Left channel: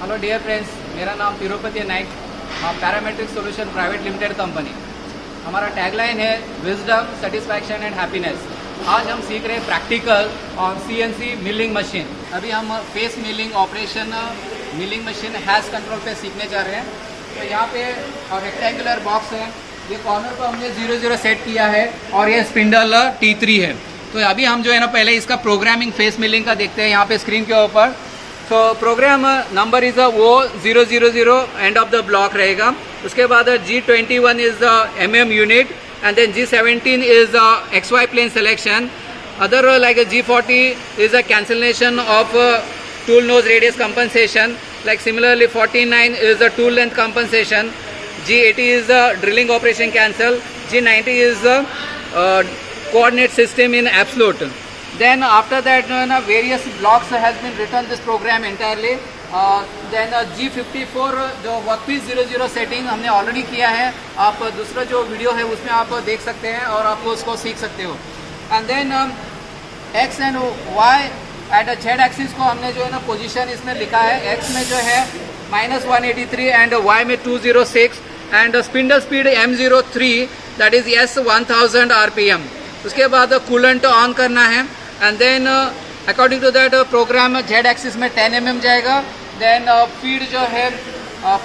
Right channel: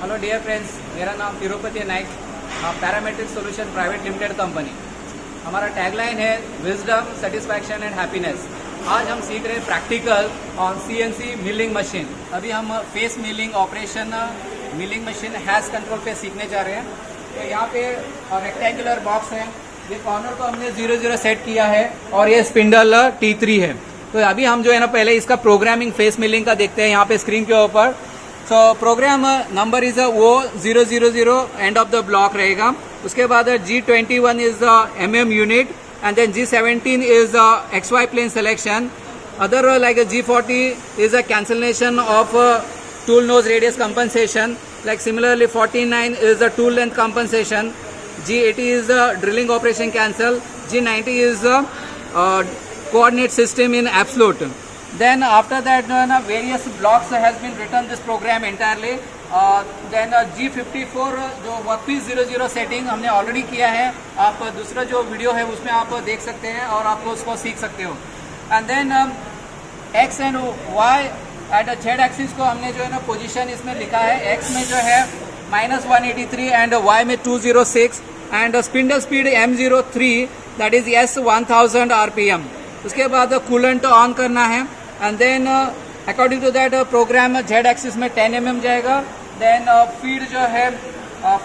Hello dear friends, मेरा नाम तिरुपति Naik, parametric solution private limited company. हमारा टैगलाइन है विजडम, सेटिस्फैक्शन एंड हैप्पीनेस। आज हम सीख रहे हैं practical on CNC milling machine. अभी हम face milling operation milling machine has control पे सीखने जा रहे हैं। तो यहाँ पे रेक्टेंगुलर बॉक्स है, ये कॉर्नर को हमने 0 सेट किया है और ये स्पिंडल T3 है। तो अभी हम जो है ना पहले इसका प्रोग्रामिंग फेस मिलिंग का देखते हैं यहाँ पे स्क्रीन के ऊपर। सो प्रोग्राम नंबर इज़ वो 000 एंड ऑफ द ब्लॉक रहेगा। उसके बाद G21 is MM unit and then G17 is XY plane selection. Other like G40 is a cancellation of tool nose radius compensation. Like similarly 49 is the tool length compensation. G80 is the drilling operation cancel. G90 is the coordinate system in absolute. Then after that various blocks has been written this program entirely. Then G54 जो वर्कपीस 00 सेटिंग हमने ऑलरेडी किया है। आप दूसरा जो वीडियो है उसमें आप देख सकते हैं और आपको उसको सीख सकते हो। And then X and Y at Z axis को हमने जो है ना पोजीशन इसमें लिखा है। X में जो है -183 एंड Y में 206 and spindle speed M03 that is S1000 RPM। उसके बाद कूलेंट ऑन करना है and then according to that program Z axis में 10 mm जाएगा। देन फीड जो है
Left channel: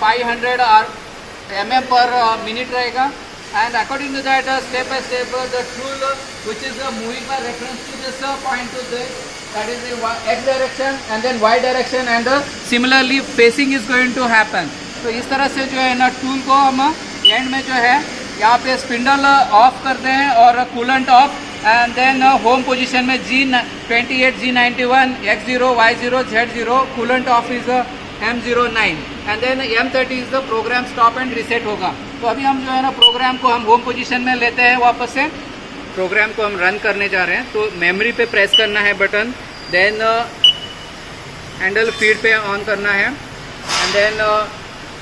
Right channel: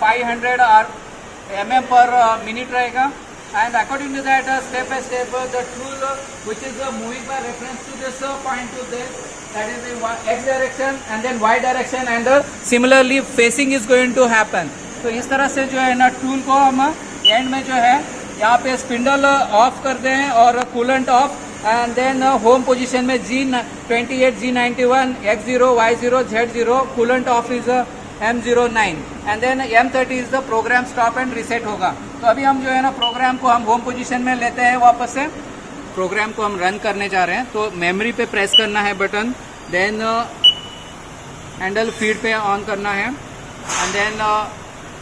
500 mm पर मिनट रहेगा। And according to that, step by step, the tool which is moving by reference to this point to this, that is the X direction and then Y direction, and similarly facing is going to happen. तो इस तरह से जो है ना टूल को हम एंड में जो है यहाँ पे स्पिंडल ऑफ कर दें और coolant off and then home position में G28, G91, X0, Y0, Z0 coolant off is M09 and then M30 is the program stop and reset होगा। तो अभी हम जो है ना प्रोग्राम को हम होम पोजीशन में लेते हैं। वापस से प्रोग्राम को हम रन करने जा रहे हैं। तो मेमोरी पे प्रेस करना है बटन, देन हैंडल फीड पे ऑन करना है एंड देन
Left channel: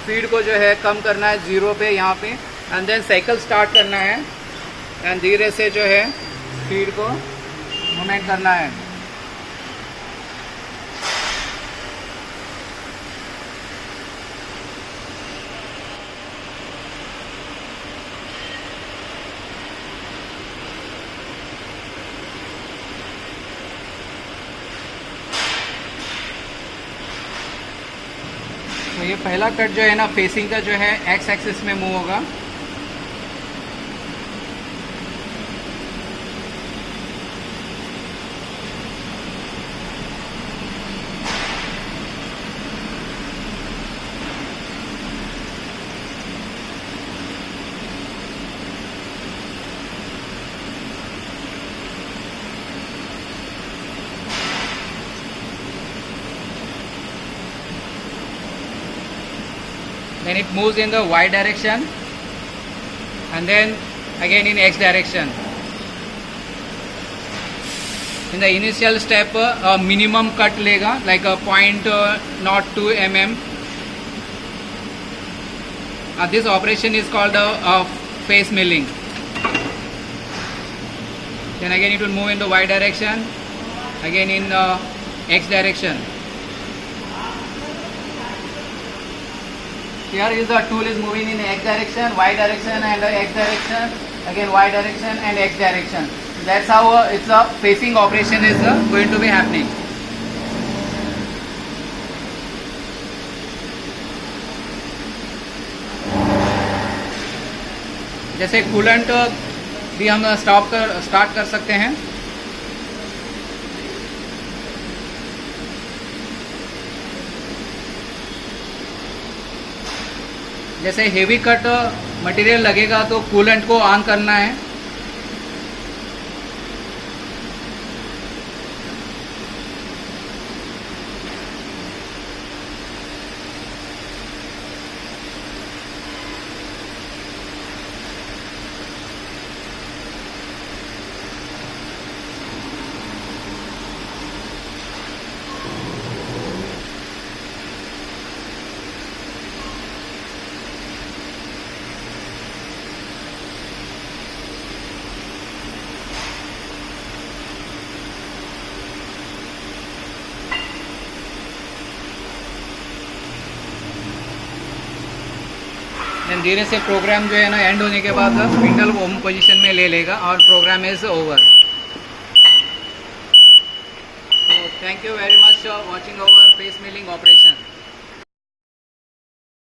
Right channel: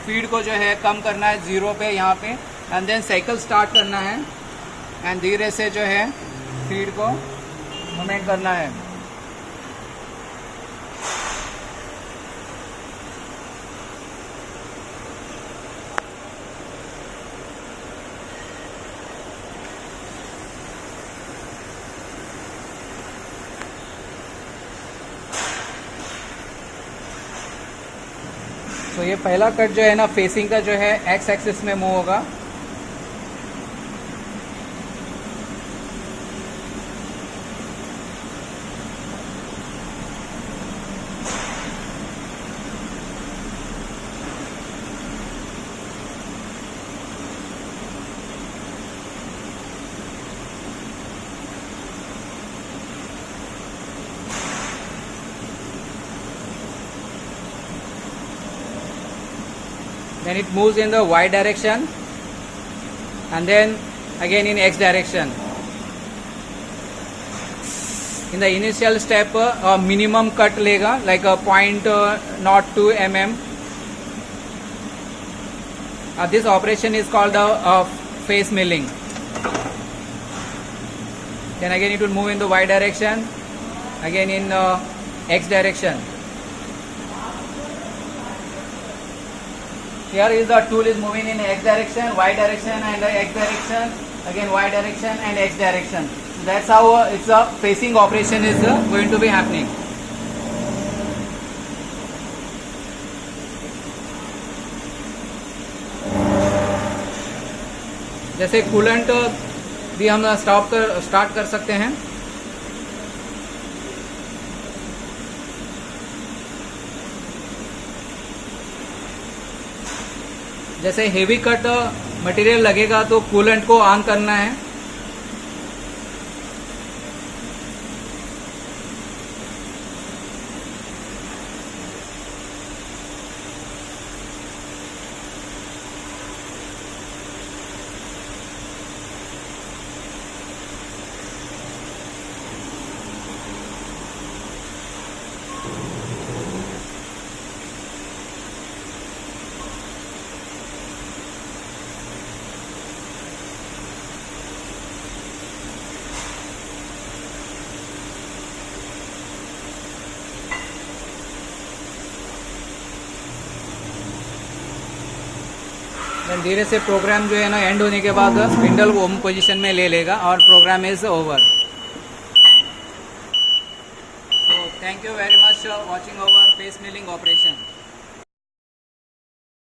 फीड को जो है कम करना है 0 पे यहाँ पे एंड देन साइकिल स्टार्ट करना है एंड धीरे से जो है फीड को मूवमेंट करना है। तो ये पहला कट जो है ना फेसिंग का जो है X एक्सिस में मूव होगा। Then it moves in the Y direction and then again in X direction. In the initial step a minimum cut लेगा like a 0.02 mm. This operation is called a face milling. Then again it will move in the Y direction, again in X direction. Here is the tool is moving in X direction, Y direction and X direction, again Y direction and X direction. That's how it's a facing operation is going to be happening. जैसे कूलेंट भी हम स्टार्ट कर सकते हैं। जैसे heavy cut material लगेगा तो कूलेंट को ऑन करना है। देन धीरे से प्रोग्राम जो है ना एंड होने के बाद स्पिंडल होम पोजीशन में ले लेगा और program is over. So thank you very much for watching our face milling operation.